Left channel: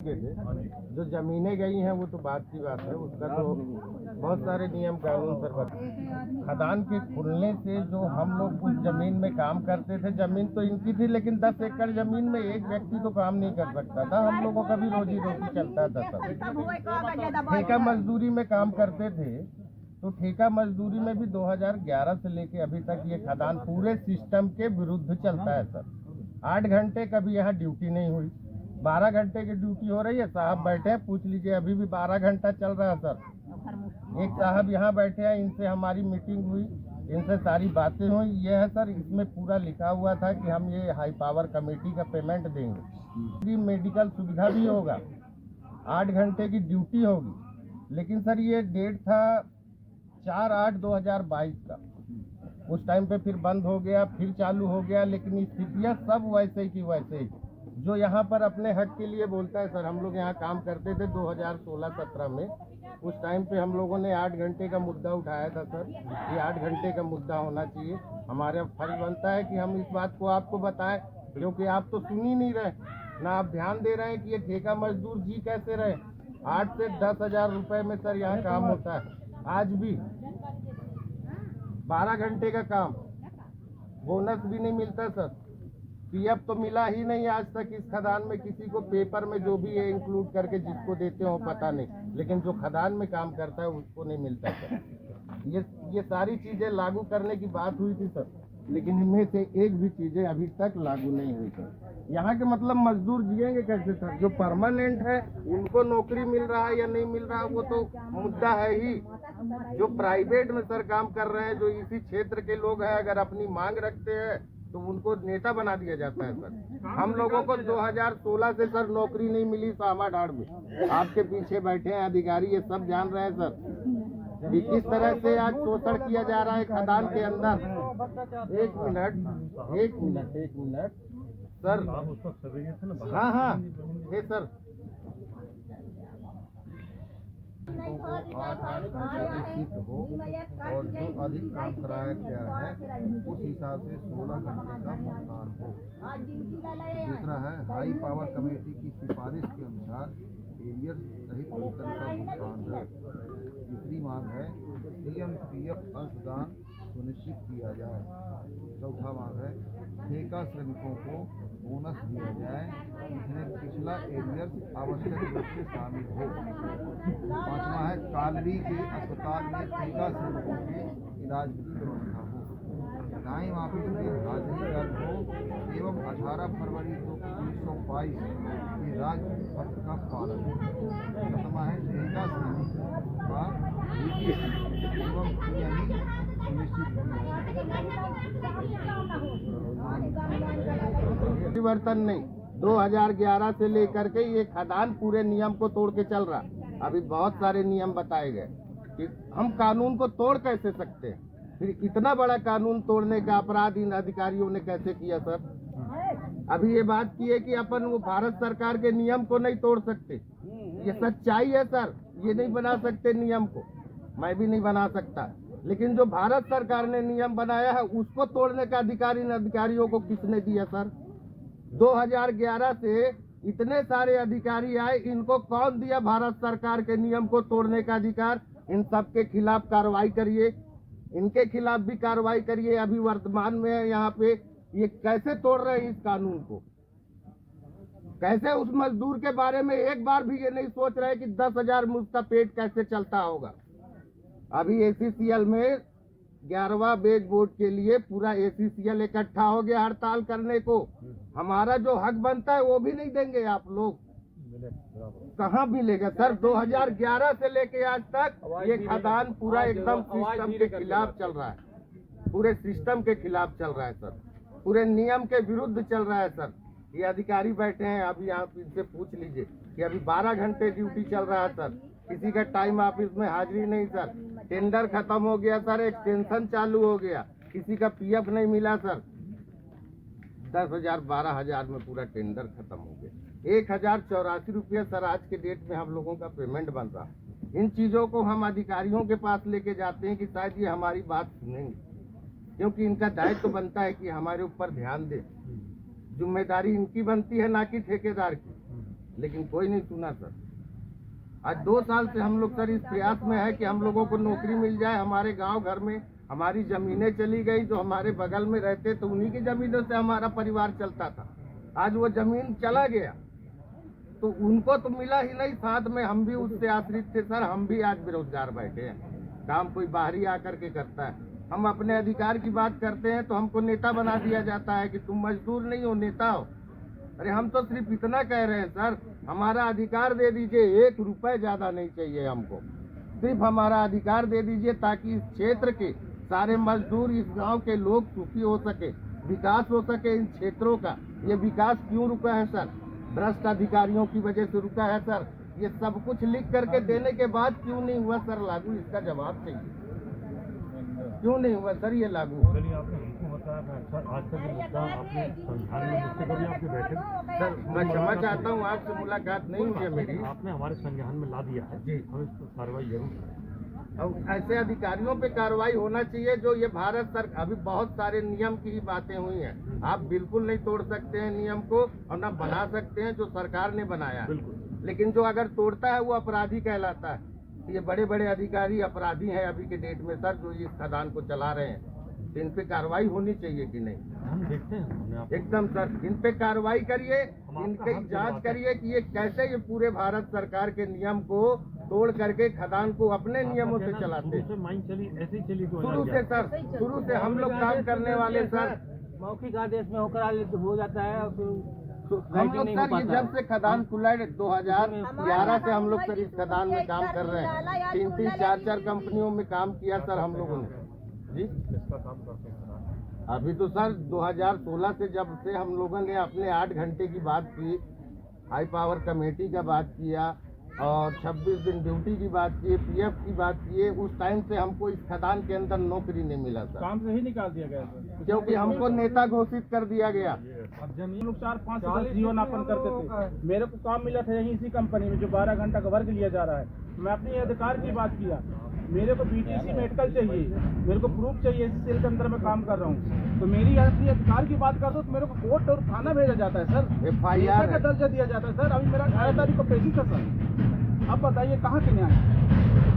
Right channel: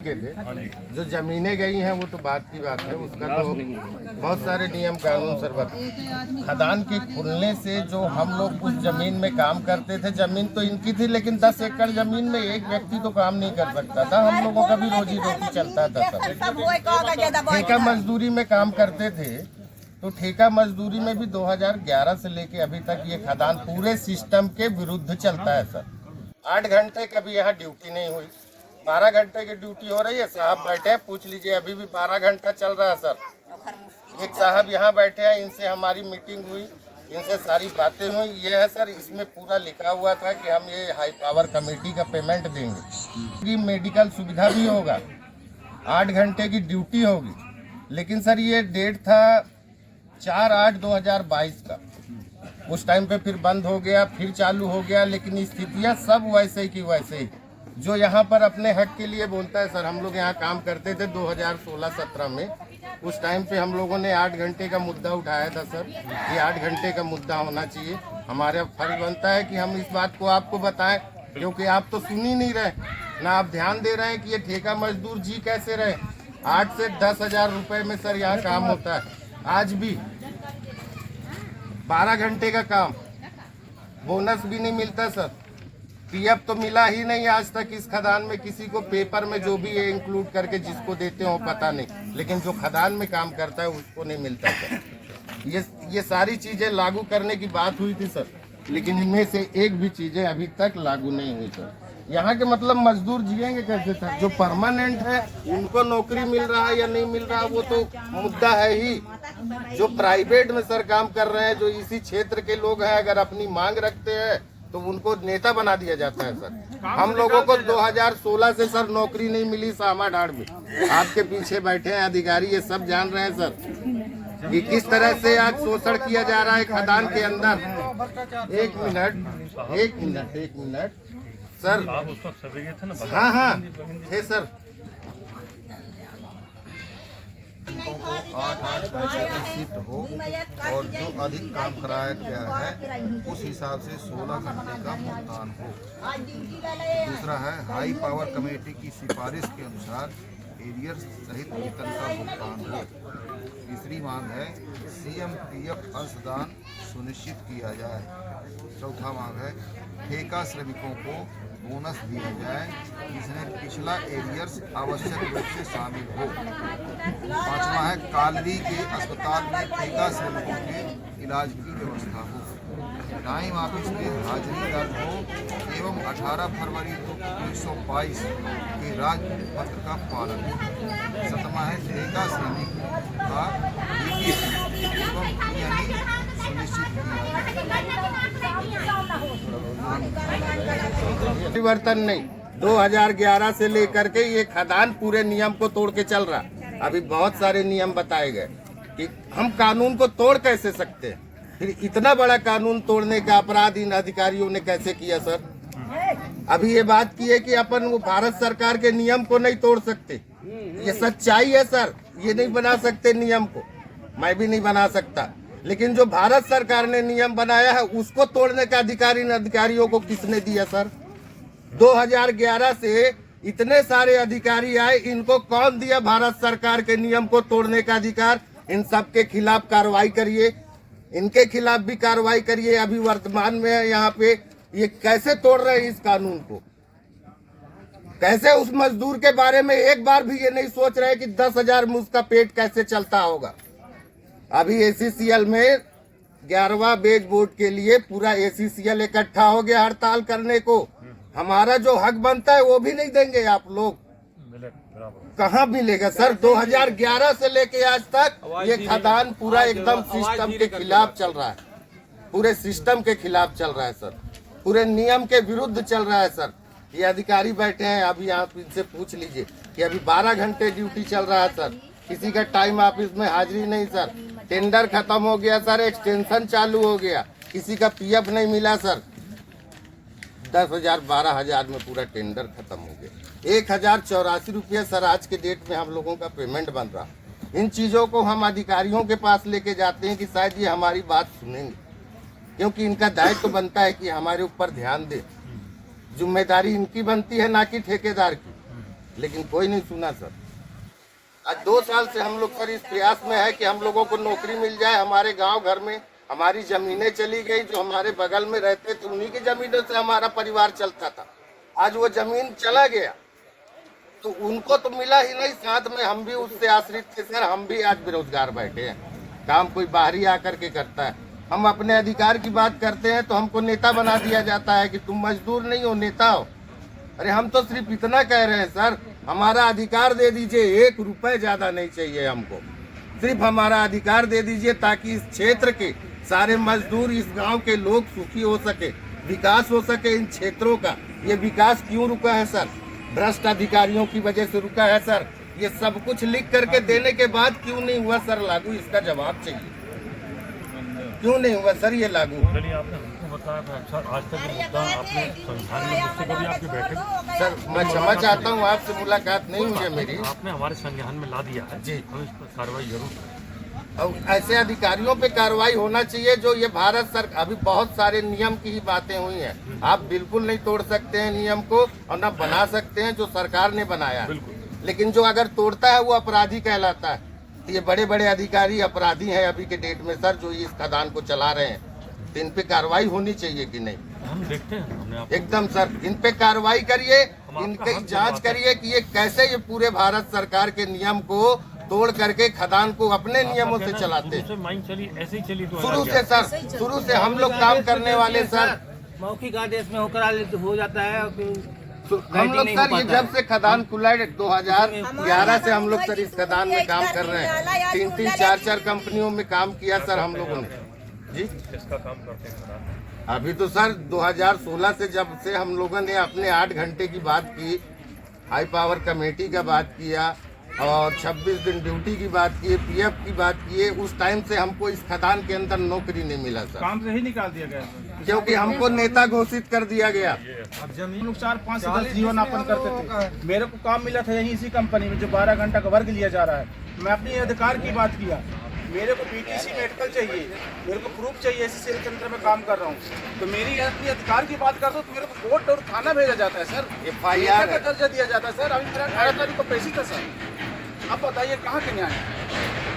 के थे। जो जमीनें गई हैं वो तो बात की बात है, उसका तो बहुत सारे नियम कानून सरबत। खदान के खुलने से जो हम लोग उस जमीन में काम करते थे, जमीन तो इनकी थी लेकिन 10 एकड़ जमीन में एक व्यक्ति तो काम नहीं कर सकता था। हम लोगों का भी रोजी रोटी चलता था सब। ठेका मजदूरी में काम करते थे, तो ठेका मजदूरी में भी 2011 से लेके अभी तक ये खदान पूरे सिस्टम के विरुद्ध चलता है सर। 8 घंटे कभी यहाँ ड्यूटी नहीं हुई, 12 घंटे की ड्यूटी हो रही है। साहब बैठे हैं, पूछ लीजिए, अभी भी 12 घंटा चल रहा है सर। एक साहब यहाँ बैठे हैं, इनसे हमारी मीटिंग हुई, इनसे सारी बातें हुई। ये है सर, इसमें पूरा लिखा हुआ था कि हम ये हाई पावर कमेटी का पेमेंट देंगे, मेडिकल सुविधा भी होगा, 8 घंटे की ड्यूटी होगी। लेकिन सर ये डेट था 4/8/2022 का। उस टाइम पे फिर बंद हो गया, फिर चालू हो गया, लेकिन स्थितियाँ सब वैसे ही की वैसे ही। जो यहाँ पर अपने हक के लिए बोलता है सर, हम लोग यहाँ काम करते थे 2016-17 में। उस टाइम पे हम लोगों ने 8 घंटे का मुद्दा उठाया था सर, ये 8 घंटे का मुद्दा होना चाहिए। हमारा फर्ज बनता है कि हम इस बात को आपको बताएं, क्योंकि आप तो सुन ही नहीं रहे, ना आप ध्यान दे रहे हैं कि ये ठेका मजदूर जी कैसे रहे। 8 से 10 हजार रुपये में सर यहाँ काम होता है। आज भी 12 घंटे का काम, बोनस भी नहीं मिलता सर। पीएफ तो मिला ही नहीं आज तक इस खदान में किसी को। पेपर में जो भी ये इंक्लूड करके जिसको देते हो पता नहीं, लेकिन जो खदान में काम करता है उसको नहीं मिलता सर। ये सारी चीजें लागू करने की बात हुई थी सर, लेकिन इनमें से एक भी चीजें अभी तक लागू नहीं हुई सर। यहाँ के मतलब मजदूर जिएंगे कैसे सर? जो परमानेंट है उनको नौकरी मिल रहा है या नहीं मिल रहा वो तो मुद्दा है ही। जो प्राइवेट में सर काम कर रहे हैं, जो इसी क्षेत्र के लोग हैं, अगर अपनी मांग रखते हैं तो उनको नेता बना दिया जाता है सर। हम लोगों को 2016 से सर नौकरी नहीं मिली सामा ढाड़ में। आपके पीछे बैठे हैं अधिकारी, ये सब जान रहे हैं सर कि किस तरह से आज शोषण किया जा रहा है खदान के अंदर। एक मिनट सर। हाँ थे सर। को 8 घंटे की शिफ्ट हो और जो अधिक काम कराया गया है उस हिसाब से 16 घंटे का भुगतान हो। दूसरा है हाई पावर कमेटी की सिफारिश के अनुसार एरियर सहित वेतन का भुगतान हो। तीसरी मांग है सीएम पीएफ अंशदान सुनिश्चित किया जाए। चौथा मांग है ठेका श्रमिकों को बोनस दिया जाए जिसमें पिछला एरियर्स आवश्यक रूप से शामिल हो। पांचवा है कालरी के अस्पताल में ठेका श्रमिकों के इलाज की व्यवस्था हो। टाइम ऑफिस में हाजिरी दर्ज हो एवं 18 फरवरी 1922 के राजपत्र का पालन हो। सतमा है ठेका श्रमिक का EPC एवं PNE सुनिश्चित किया। परिवर्तन नहीं, 2011 से लेकर के ये खदान पूरे नियम को तोड़ के चल रहा। अभी बहुत सारे नियम बताए गए कि हम कानून को तोड़ कैसे सकते हैं। फिर इतना बड़ा कानून तोड़ने का अपराध इन अधिकारियों ने कैसे किया सर? अभी ये बात की है कि अपन वो भारत सरकार के नियम को नहीं तोड़ सकते, ये सच्चाई है सर। ये नहीं बना सकते नियम को, मैं भी नहीं बना सकता, लेकिन जो भारत सरकार ने नियम बनाया है उसको तोड़ने का अधिकार इन अधिकारियों को किसने दिया सर? 2011 से इतने सारे अधिकारी आए, इनको कौन दिया भारत सरकार के नियम को तोड़ने का अधिकार? इन सब के खिलाफ कार्रवाई करिए, इनके खिलाफ भी कार्रवाई करिए। अभी वर्तमान में यहाँ पे ये कैसे तोड़ रहे हैं इस कानून को? कैसे उस मजदूर के बारे में एक बार भी ये नहीं सोच रहे कि 10,000 में उसका पेट कैसे चलता होगा? अभी ACCL में 11वां वेज बोर्ड के लिए पूरा ACCL इकट्ठा हो गया हड़ताल करने को। हमारा जो हक बनता है वो भी नहीं देंगे आप लोग। कहाँ मिलेगा सर? 2011 से लेके आज तक ये खदान पूरा एकदम सिस्टम के खिलाफ चल रहा है, पूरे सिस्टम के खिलाफ चल रहा है सर, पूरे नियम के विरुद्ध चल रहा है सर। ये अधिकारी बैठे हैं, अभी आप इनसे पूछ लीजिए कि अभी 12 घंटे ड्यूटी चल रहा है सर। किसी का टाइम ऑफिस में हाजिरी नहीं सर। टेंडर खत्म हो गया सर, एक्सटेंशन चालू हो गया, किसी का PF नहीं मिला सर। 10,000 12,000 में पूरा टेंडर खत्म हो गया। 1,084 रुपये सर आज के डेट में हम लोगों का पेमेंट बन रहा। इन चीज़ों को हम अधिकारियों के पास लेके जाते हैं कि शायद ये हमारी बात सुनेंगे, क्योंकि इनका दायित्व तो बनता है कि हमारे ऊपर ध्यान दे। जिम्मेदारी इनकी बनती है, ना कि ठेकेदार की। लेकिन कोई नहीं सुना सर। आज 2 साल से हम लोग सर इस प्रयास में है कि हम लोगों को नौकरी मिल जाए। हमारे गांव घर में हमारी जमीनें चली गई, जो हमारे बगल में रहते तो उन्हीं की जमीनों से हमारा परिवार चलता था। आज वो जमीन चला गया तो उनको तो मिला ही नहीं, साथ में हम भी उससे आश्रित थे सर। हम भी आज बेरोजगार बैठे हैं, काम कोई बाहरी आकर के करता है। हम अपने अधिकार की बात करते हैं तो हमको नेता बना दिया जाता है कि तुम मजदूर नहीं हो, नेता हो। अरे हम तो सिर्फ इतना कह रहे हैं सर, हमारा अधिकार दे दीजिए, 1 रुपए ज्यादा नहीं चाहिए हमको, सिर्फ हमारा अधिकार दे दीजिए ताकि इस क्षेत्र के सारे मजदूर, इस गांव के लोग सुखी हो सके, विकास हो सके इन क्षेत्रों का। ये विकास क्यों रुका है सर? भ्रष्ट अधिकारियों की वजह से रुका है सर। ये सब कुछ लिख करके देने के बाद क्यों नहीं हुआ सर लागू? इसका जवाब चाहिए, क्यों नहीं हुआ सर ये लागू? चलिए, आपने हमको बताया था। अच्छा, आज तक ये मुद्दा आपने संविधान में मुझसे कभी आपकी बैठक? सर मैं क्षमा चाहता हूँ, आपसे मुलाकात नहीं हुई है मेरी। आपने हमारे संज्ञान में ला दिया है जी। हम इस पर कार्रवाई जरूर करें। और ऐसे अधिकारियों पे कार्रवाई होना चाहिए जो ये भारत सर, अभी बहुत सारे नियम की ही बातें हुई हैं। आप बिल्कुल नहीं तोड़ सकते हैं नियम को और न बना सकते हैं जो सरकार ने बनाया है। बिल्कुल। लेकिन जो अगर तोड़ता है वो अपराधी कहलाता है। तो ये बड़े बड़े अधिकारी अपराधी हैं अभी के डेट में सर, जो इस खदान को चला रहे हैं। तो इन पे कार्रवाई होनी चाहिए कि नहीं? हम देखते हैं, हमने आपको एकदम सर, इन पे कार्रवाई करिए, इनकी जांच करिए कि ये कैसे ये पूरे भारत सरकार के नियम को तोड़ करके खदान को अपने नियमों से चलाते हैं। शुरू से माइंड चली, ऐसे ही चली। शुरू से सर, शुरू से हम लोग काम करने वाले सर, मौखिक आदेश में होकर हो जाता है। हम लोग सर ये जब से खदान खुला है 2011 से हम लोग सर इस खदान में काम कर रहे हैं। 3-3, 4-4 कंपनियों में काम किया सर हम लोगों ने। जी, किसका काम करते हैं? अभी तो सर 2016 से जब से हम लोगों ने अपने 8 घंटे की बात की, हाई पावर कमेटी का बात किया और 26 दिन ड्यूटी की बात की, पीएफ की बात की, उस टाइम से हमको इस खदान के अंदर नौकरी नहीं मिला सर। काम से ही निकाल दिया गया सर, क्योंकि हमको नेता घोषित कर दिया गया। अब जमीन लोग 4-5 से 10 जीवन यापन करते थे। मेरे को काम मिला था यहीं इसी कंपनी में जो 12 घंटा का वर्ग लिया जा रहा है। मैं अपने अधिकार की बात किया, मेरे को बीटीसी मेडिकल चाहिए, मेरे को प्रूफ चाहिए, इसी सेल के अंदर मैं काम कर रहा हूँ। तो मेरी अपनी अधिकार की बात करता हूँ तो मेरे को कोर्ट और थाना भेजा जाता है सर, FIR का दर्जा दिया जाता है सर। अभी मेरा 18 तारीख को पेशी था सर। अब बताइए कहाँ के न्याय?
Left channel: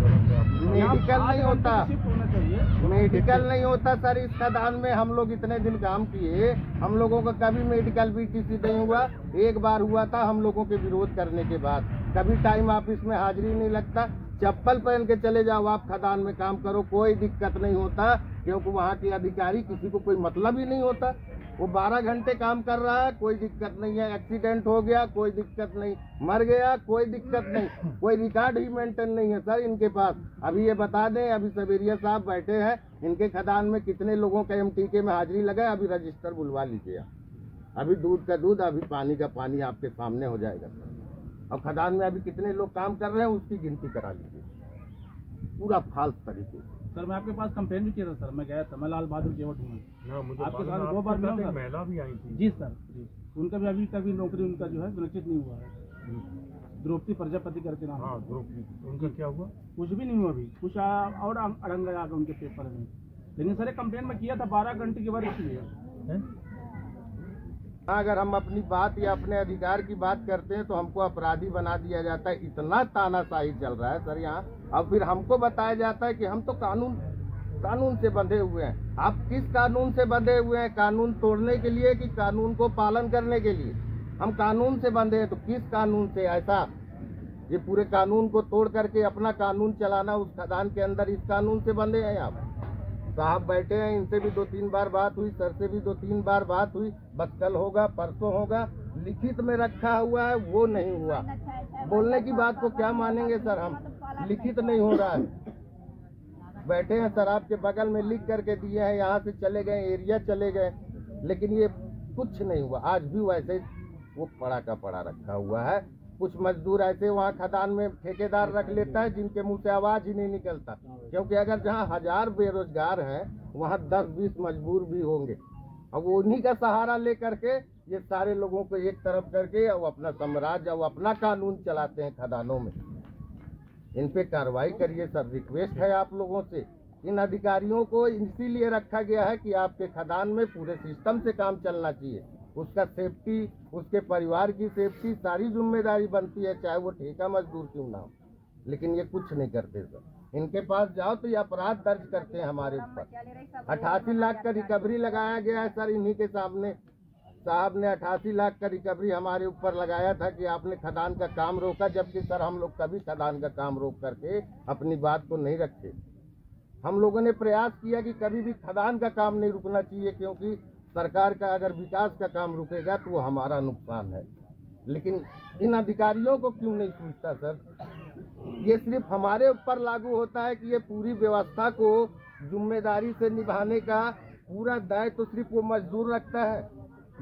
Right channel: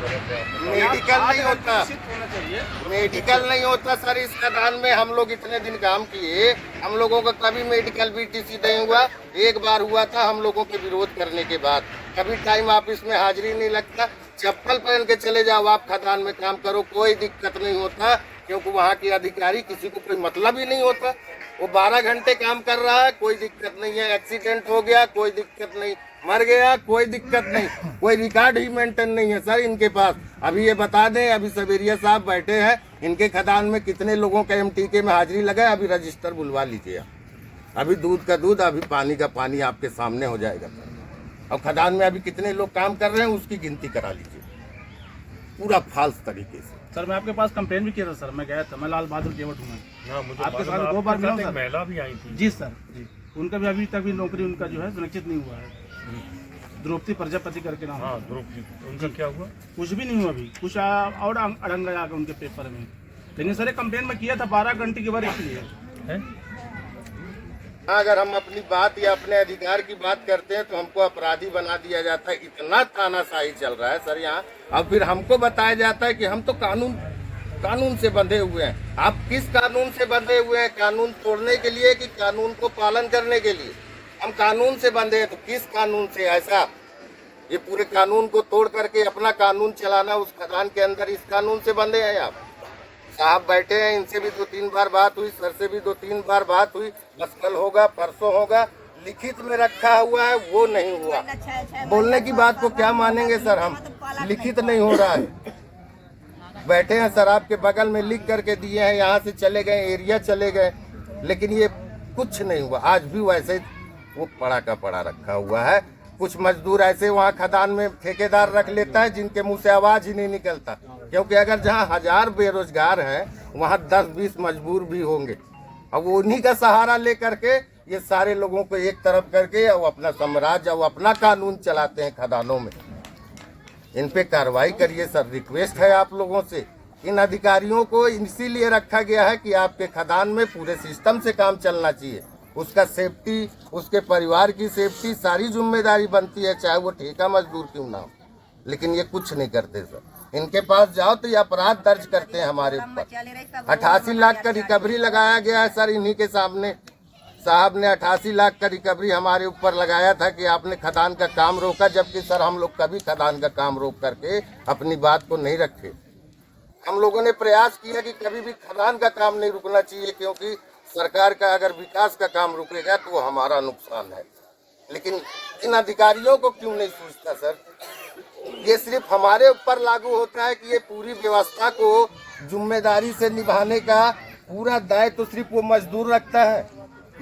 मेडिकल नहीं होता, होना चाहिए। मेडिकल नहीं होता सर इस खदान में। हम लोग इतने दिन काम किए, हम लोगों का कभी मेडिकल बीटीसी नहीं हुआ। एक बार हुआ था हम लोगों के विरोध करने के बाद। कभी टाइम ऑफिस में हाजिरी नहीं लगता, चप्पल पहन के चले जाओ आप खदान में काम करो, कोई दिक्कत नहीं होता। क्योंकि वहाँ के अधिकारी किसी को कोई मतलब ही नहीं होता। वो 12 घंटे काम कर रहा है, कोई दिक्कत नहीं है। एक्सीडेंट हो गया कोई दिक्कत नहीं, मर गया कोई दिक्कत नहीं, कोई रिकॉर्ड ही मेंटेन नहीं है सर इनके पास। अभी ये बता दें, अभी सबेरिया साहब बैठे हैं, इनके खदान में कितने लोगों का MTK में हाजिरी लगा है, अभी रजिस्टर बुलवा लीजिए आप। अभी दूध का दूध, अभी पानी का पानी आपके सामने हो जाएगा सर। और खदान में अभी कितने लोग काम कर रहे हैं उसकी गिनती करा लीजिए, पूरा फाल्स तरीके से। सर मैं आपके पास कंप्लेन भी किया था सर, मैं गया था, मैं लाल बहादुर केवट हूँ। हाँ, मुझे आपके मालूम है, साथ 2 बार मिला आपके सर। साथ एक महिला भी आई थी। जी सर, जी। उनका भी अभी तक भी नौकरी उनका जो है सुनिश्चित नहीं हुआ है। द्रौपदी प्रजापति करके नाम। हाँ, द्रौपदी, उनका क्या हुआ? कुछ भी नहीं हुआ अभी, कुछ और अड़ंगा आ गया उनके पेपर में। लेकिन सर कंप्लेन में किया था 12 घंटे की वर्ग के लिए है? अगर हम अपनी बात या अपने अधिकार की बात करते हैं तो हमको अपराधी बना दिया जाता है। इतना तानाशाही चल रहा है सर यहाँ। अब फिर हमको बताया जाता है कि हम तो कानून से बंधे हुए हैं। आप किस कानून से बंधे हुए हैं? कानून तोड़ने के लिए कि कानून को पालन करने के लिए? हम कानून से बंधे हैं तो किस कानून से? ऐसा ये पूरे कानून को तोड़ करके अपना कानून चलाना उस खदान के अंदर, इस कानून से बंधे हैं आप। साहब बैठे हैं, इनसे भी 2-3 बार बात हुई, सर से भी 2-3 बार बात हुई, बस कल होगा परसों होगा, लिखित में रखा हुआ है वो नहीं हुआ। बोलने की बात को क्या मानेंगे सर हम? लिखित नहीं हो रहा है। बैठे हैं सर, आपके बगल में लिख करके दिए हैं, यहाँ से चले गए, एरिया चले गए, लेकिन ये कुछ नहीं हुआ। आज भी वैसे वो पड़ा का पड़ा रखा हुआ है। कुछ मजदूर ऐसे वहाँ खदान में ठेकेदार रख लेता है जिनके मुंह से आवाज ही नहीं निकलता, क्योंकि अगर जहाँ 1000 बेरोजगार हैं वहाँ 10-20 मजबूर भी होंगे। अब वो उन्हीं का सहारा ले करके ये सारे लोगों को एक तरफ करके और अपना साम्राज्य और अपना कानून चलाते हैं खदानों में। इन पे कार्रवाई करिए सर, रिक्वेस्ट है आप लोगों से। इन अधिकारियों को इसीलिए रखा गया है कि आपके खदान में पूरे सिस्टम से काम चलना चाहिए, उसका सेफ्टी, उसके परिवार की सेफ्टी सारी जिम्मेदारी बनती है, चाहे वो ठेका मजदूर क्यों ना हो। लेकिन ये कुछ नहीं करते सर। इनके पास जाओ तो ये अपराध दर्ज करते हैं हमारे ऊपर। 88 लाख का रिकवरी लगाया गया है सर इन्हीं के सामने। साहब ने 88 लाख का रिकवरी हमारे ऊपर लगाया था कि आपने खदान का काम रोका, जबकि सर हम लोग कभी खदान का काम रोक करके अपनी बात को नहीं रखे। हम लोगों ने प्रयास किया कि कभी भी खदान का काम नहीं रुकना चाहिए, क्योंकि सरकार का अगर विकास का काम रुकेगा तो वो हमारा नुकसान है। लेकिन इन अधिकारियों को क्यों नहीं सूझता सर? ये सिर्फ हमारे ऊपर लागू होता है कि ये पूरी व्यवस्था को जिम्मेदारी से निभाने का पूरा दायित्व तो सिर्फ वो मजदूर रखता है।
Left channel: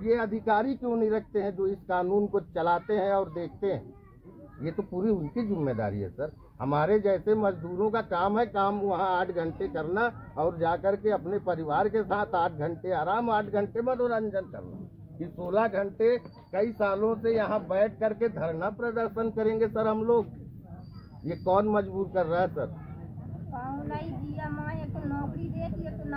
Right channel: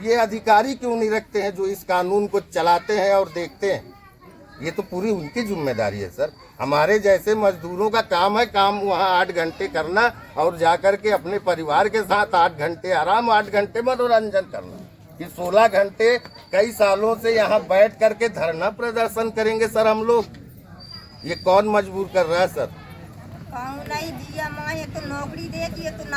ये अधिकारी क्यों नहीं रखते हैं जो इस कानून को चलाते हैं और देखते हैं? ये तो पूरी उनकी जिम्मेदारी है सर। हमारे जैसे मजदूरों का काम है, काम वहाँ 8 घंटे करना और जाकर के अपने परिवार के साथ 8 घंटे आराम, 8 घंटे मनोरंजन करना। कि 16 घंटे कई सालों से यहाँ बैठ करके धरना प्रदर्शन करेंगे सर हम लोग? ये कौन मजबूर कर रहा है सर? नहीं दिया माँ, एक तो नौकरी दे, एक तो